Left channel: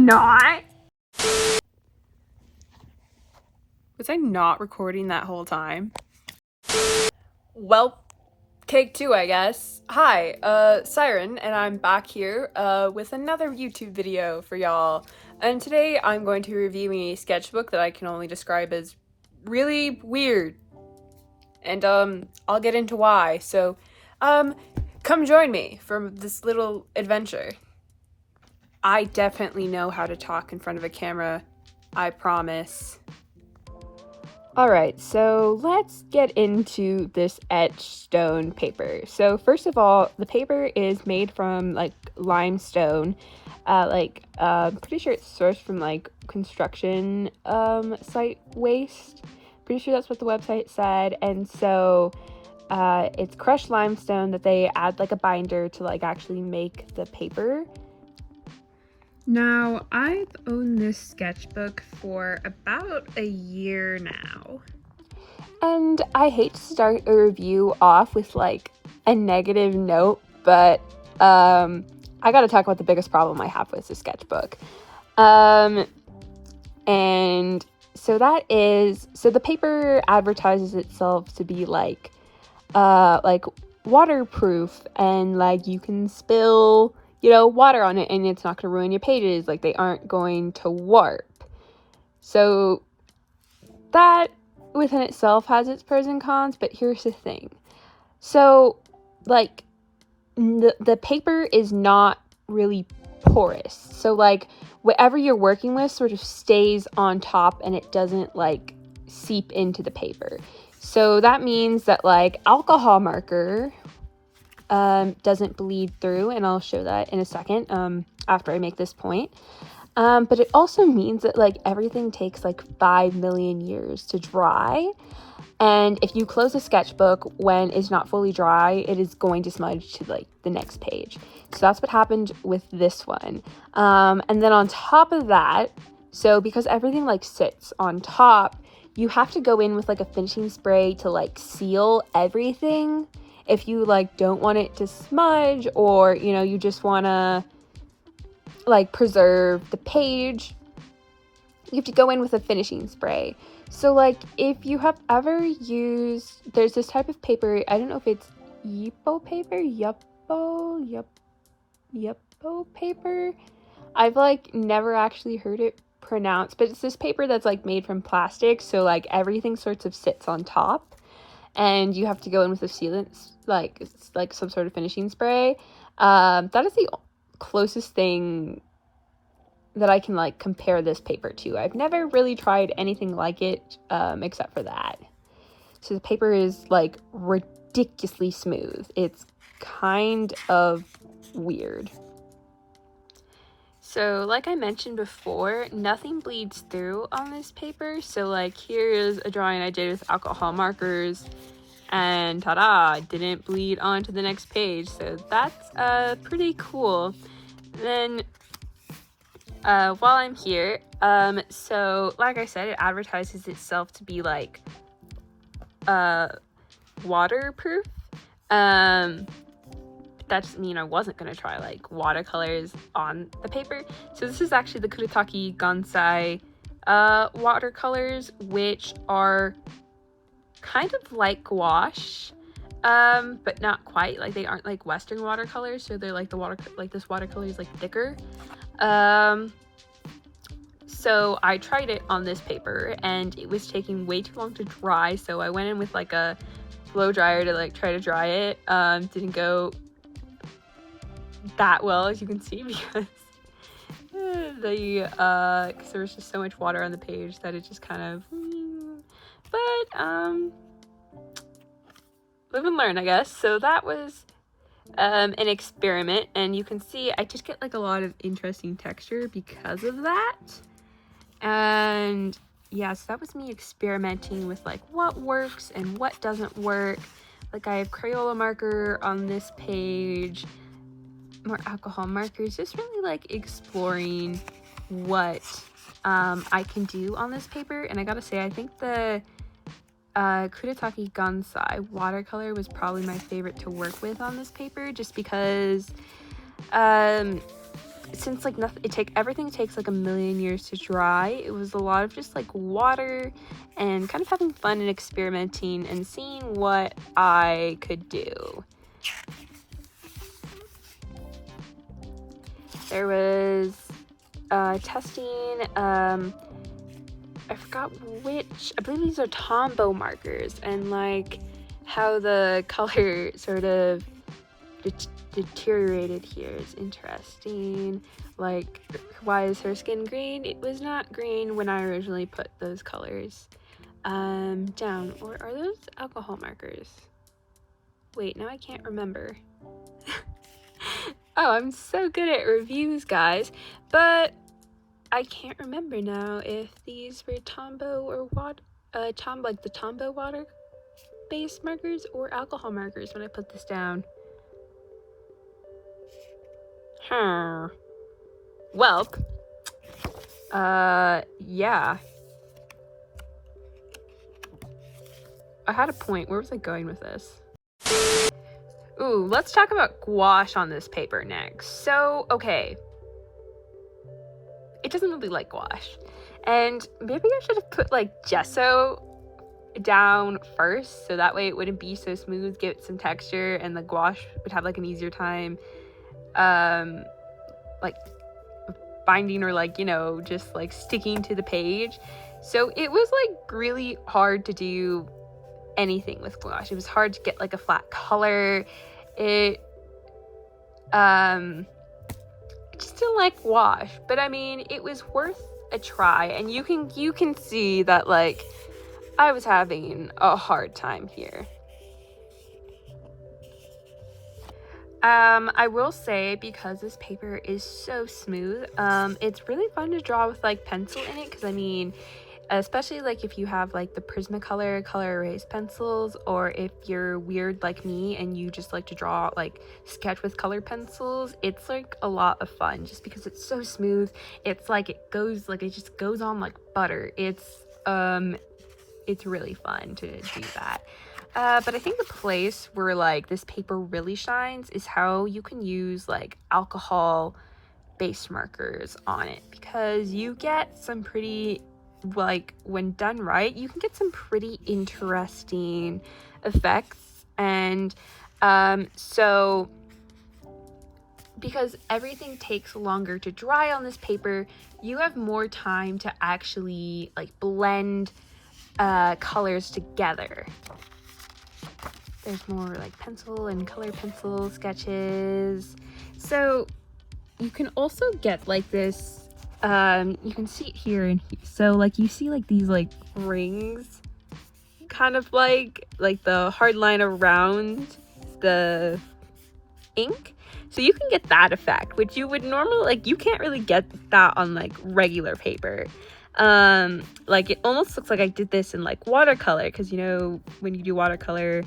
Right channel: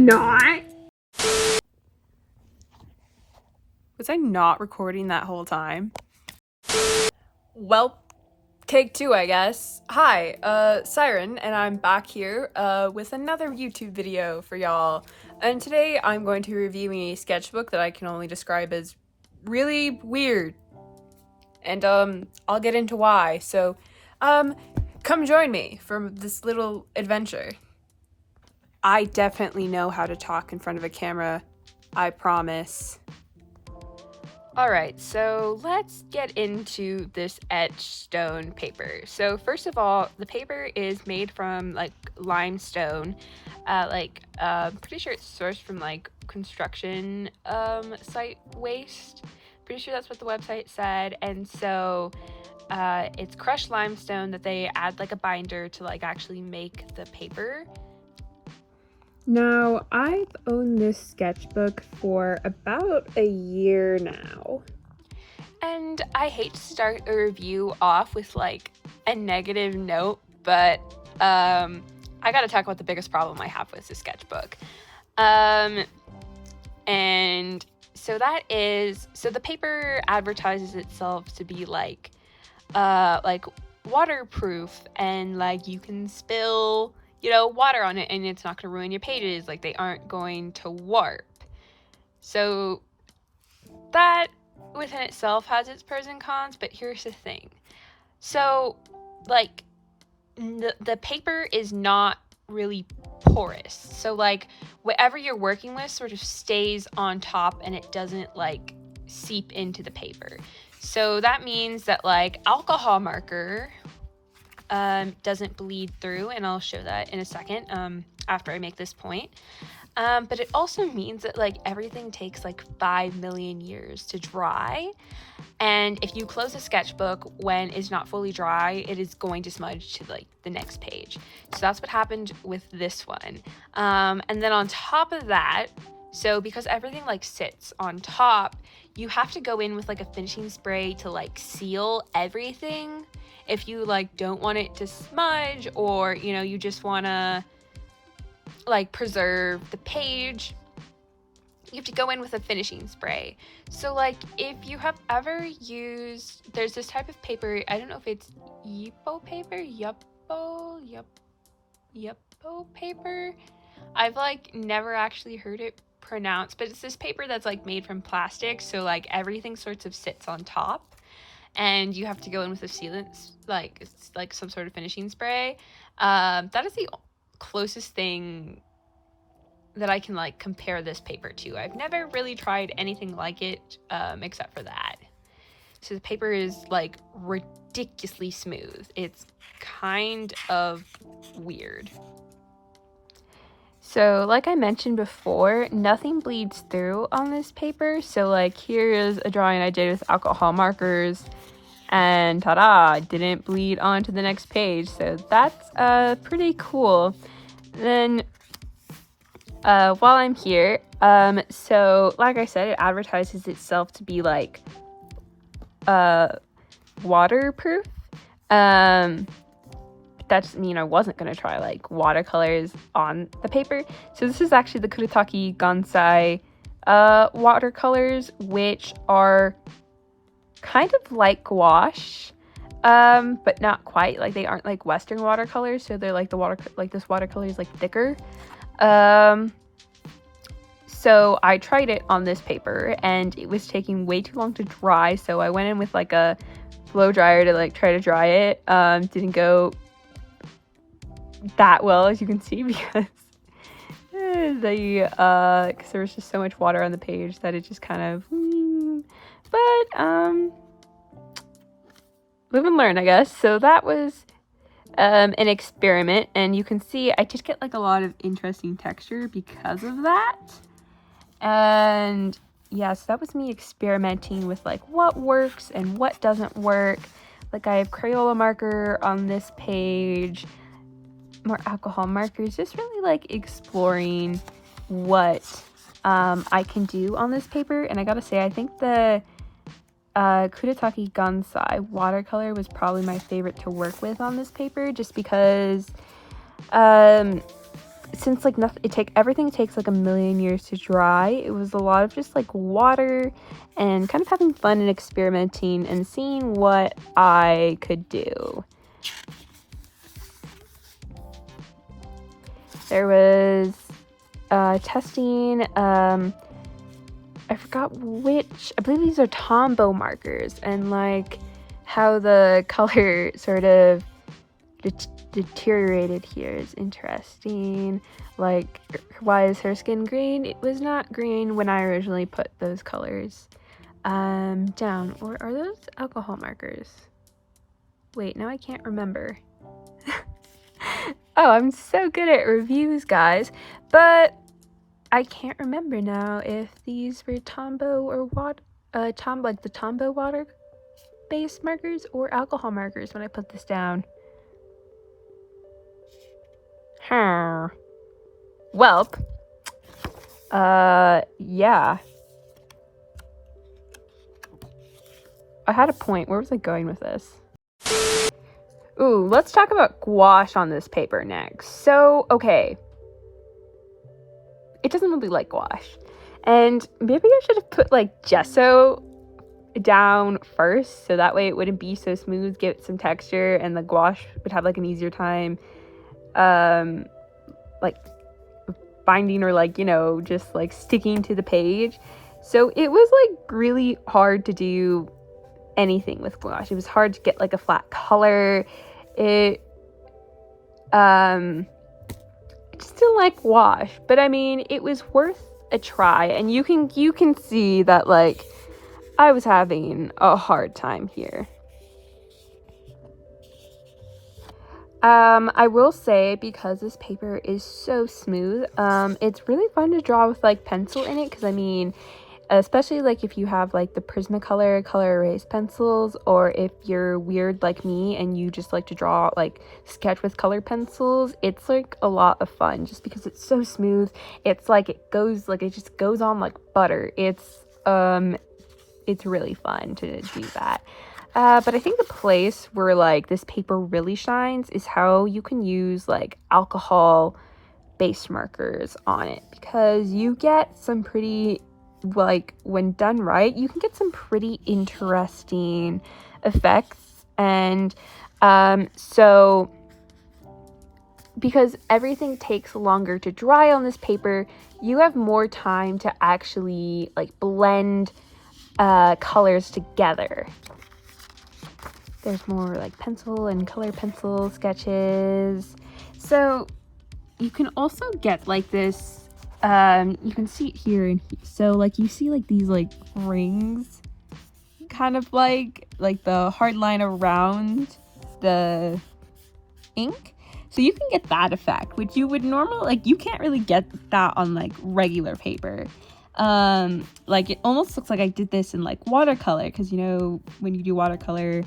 not. Was I not recording that whole time? Well, take two, I guess. Hi, Siren, and I'm back here with another YouTube video for y'all. And today I'm going to be reviewing a sketchbook that I can only describe as really weird. And I'll get into why. So come join me for this little adventure. I definitely know how to talk in front of a camera, I promise. Alright, so let's get into this etched stone paper. So first of all, the paper is made from like limestone. Pretty sure it's sourced from like construction site waste. Pretty sure that's what the website said. And so it's crushed limestone that they add like a binder to like actually make the paper. Now, I've owned this sketchbook for about a year now. And I hate to start a review off with like a negative note, but I gotta talk about the biggest problem I have with this sketchbook. And so the paper advertises itself to be like waterproof, and like you can spill water on it and it's not going to ruin your pages, like they aren't going to warp. So that within itself has its pros and cons, but here's the thing. So like the paper is not really porous, so like whatever you're working with sort of stays on top and it doesn't like seep into the paper. So that means that like alcohol marker doesn't bleed through, and I'll show that in a second after I make this point. But it also means that like everything takes like 5 million years to dry, and if you close a sketchbook when it's not fully dry, it is going to smudge to like the next page. So that's what happened with this one. And then on top of that, so because everything like sits on top, you have to go in with like a finishing spray to like seal everything. If you like don't want it to smudge, or you just want to like preserve the page, you have to go in with a finishing spray. So like if you have ever used, there's this type of paper, I don't know if it's Yupo paper. I've like never actually heard it pronounced, but it's this paper that's like made from plastic, so like everything sorts of sits on top. And you have to go in with a sealant, like it's like some sort of finishing spray. That is the closest thing that I can like compare this paper to. I've never really tried anything like it except for that. So the paper is like ridiculously smooth. It's kind of weird. So like I mentioned before, nothing bleeds through on this paper. So like here is a drawing I did with alcohol markers, and ta-da, it didn't bleed onto the next page. So that's pretty cool. Then while I'm here, so like I said, it advertises itself to be like waterproof. That doesn't mean I wasn't going to try like watercolors on the paper. So this is actually the Kuretake Gansai watercolors, which are kind of like gouache, but not quite. Like they aren't like Western watercolors, so they're like this watercolor is like thicker. So I tried it on this paper and it was taking way too long to dry, so I went in with like a blow dryer to like try to dry it. Didn't go that well, as you can see, because because there was just so much water on the page that it just kind of live and learn, I guess. So that was an experiment, and you can see I just get like a lot of interesting texture because of that. And yeah, so that was me experimenting with like what works and what doesn't work. Like I have Crayola marker on this page, more alcohol markers, just really like exploring what I can do on this paper. And I gotta say, I think the Kuretake Gansai watercolor was probably my favorite to work with on this paper, just because since like everything takes like a million years to dry, it was a lot of just like water and kind of having fun and experimenting and seeing what I could do. There was testing, I forgot which, I believe these are Tombow markers, and like how the color sort of deteriorated here is interesting. Like, why is her skin green? It was not green when I originally put those colors down. Or are those alcohol markers? Wait, now I can't remember. Oh, I'm so good at reviews, guys, but I can't remember now if these were Tombow or what, like the Tombow water-based markers or alcohol markers when I put this down. Welp. Yeah. I had a point. Where was I going with this? Ooh, let's talk about gouache on this paper next. So, okay. It doesn't really like gouache. And maybe I should have put like gesso down first, so that way it wouldn't be so smooth, give it some texture, and the gouache would have like an easier time like binding or like, you know, just like sticking to the page. So it was like really hard to do anything with gouache. It was hard to get like a flat color. It I just didn't like gouache, but I mean, it was worth a try, and you can see that like I was having a hard time here. I will say, because this paper is so smooth, it's really fun to draw with like pencil in it, because I mean, especially like if you have like the Prismacolor color erase pencils, or if you're weird like me and you just like to draw like sketch with color pencils, it's like a lot of fun just because it's so smooth. It's like it just goes on like butter. It's really fun to do that. But I think the place where like this paper really shines is how you can use like alcohol base markers on it, because you get some pretty, like when done right, you can get some pretty interesting effects. And so because everything takes longer to dry on this paper, you have more time to actually like blend colors together. There's more like pencil and color pencil sketches. So you can also get like this, you can see it here and here. So like you see like these like rings, kind of like the hard line around the ink. So you can get that effect, which you would normally, like, you can't really get that on like regular paper. Like it almost looks like I did this in like watercolor, because you know when you do watercolor,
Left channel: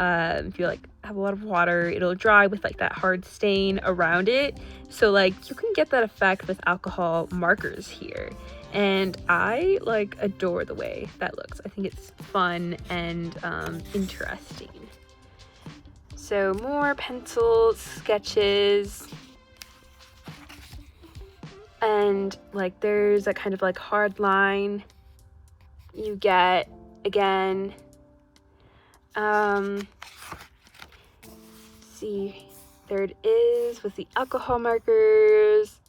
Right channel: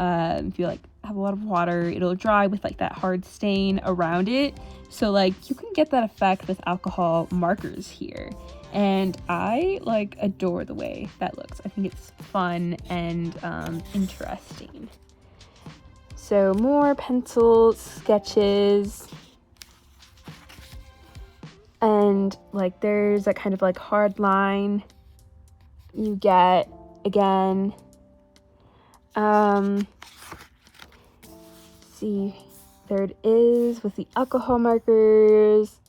if you like have a lot of water, it'll dry with like that hard stain around it. So like you can get that effect with alcohol markers here, and I like adore the way that looks. I think it's fun and interesting. So more pencil sketches, and like there's a kind of like hard line you get again. See, there it is with the alcohol markers.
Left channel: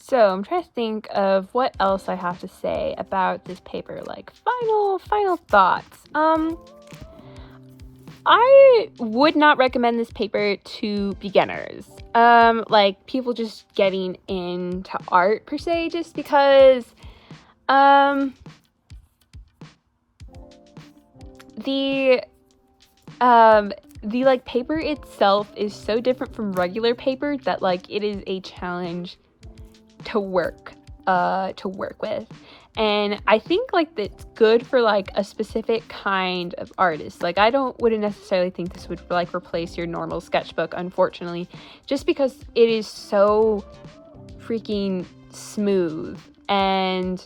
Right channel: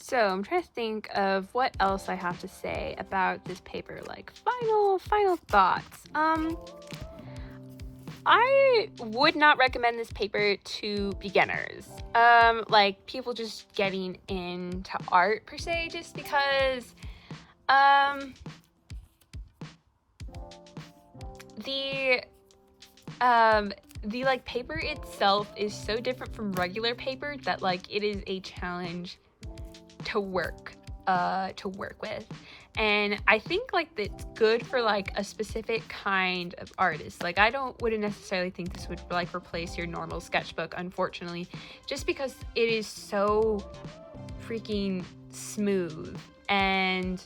So I'm trying to think of what else I have to say about this paper, like final thoughts. I would not recommend this paper to beginners, like people just getting into art per se, just because the like paper itself is so different from regular paper that like it is a challenge to work with. And I think like that's good for like a specific kind of artist. Like I wouldn't necessarily think this would like replace your normal sketchbook, unfortunately, just because it is so freaking smooth. And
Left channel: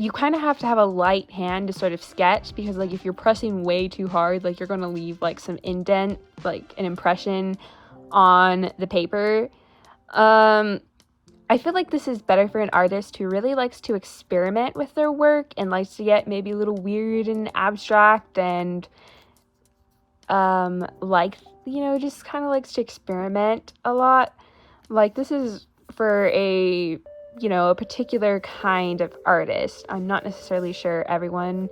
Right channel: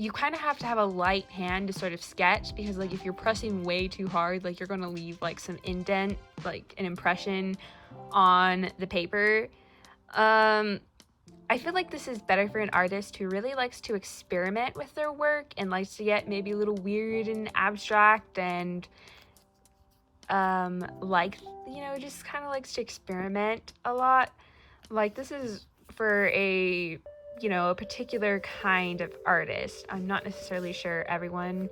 you kind of have to have a light hand to sort of sketch, because like if you're pressing way too hard, like you're going to leave like some indent, like an impression on the paper. I feel like this is better for an artist who really likes to experiment with their work and likes to get maybe a little weird and abstract, and like, you know, just kind of likes to experiment a lot. Like, this is for a, you know, a particular kind of artist. I'm not necessarily sure everyone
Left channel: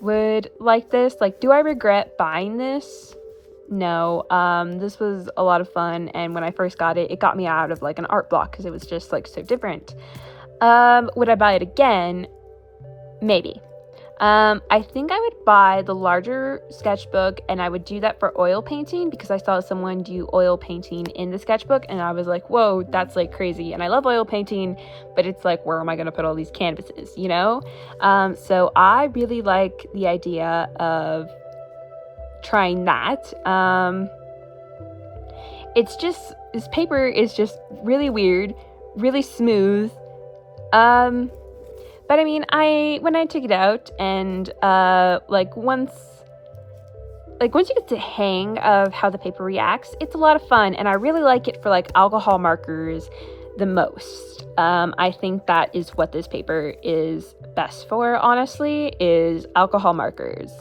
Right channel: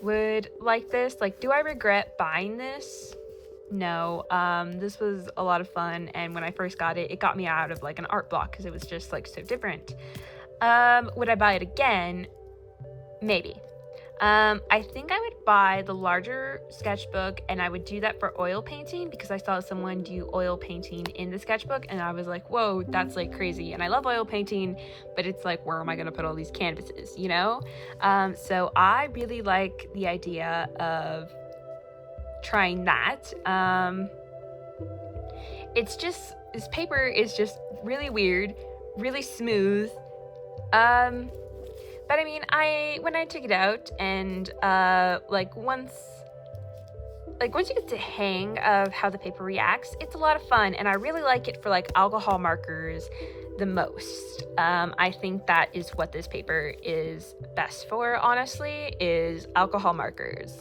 would like this. Like, do I regret buying this? No. This was a lot of fun, and when I first got it, it got me out of like an art block because it was just like so different. Would I buy it again? Maybe. I think I would buy the larger sketchbook, and I would do that for oil painting because I saw someone do oil painting in the sketchbook, and I was like, whoa, that's like crazy. And I love oil painting, but it's like, where am I gonna put all these canvases, you know? So I really like the idea of trying that. It's just, this paper is just really weird, really smooth. But I mean, when I took it out and once you get the hang of how the paper reacts, it's a lot of fun, and I really like it for like alcohol markers the most. I think that is what this paper is best for, honestly, is alcohol markers.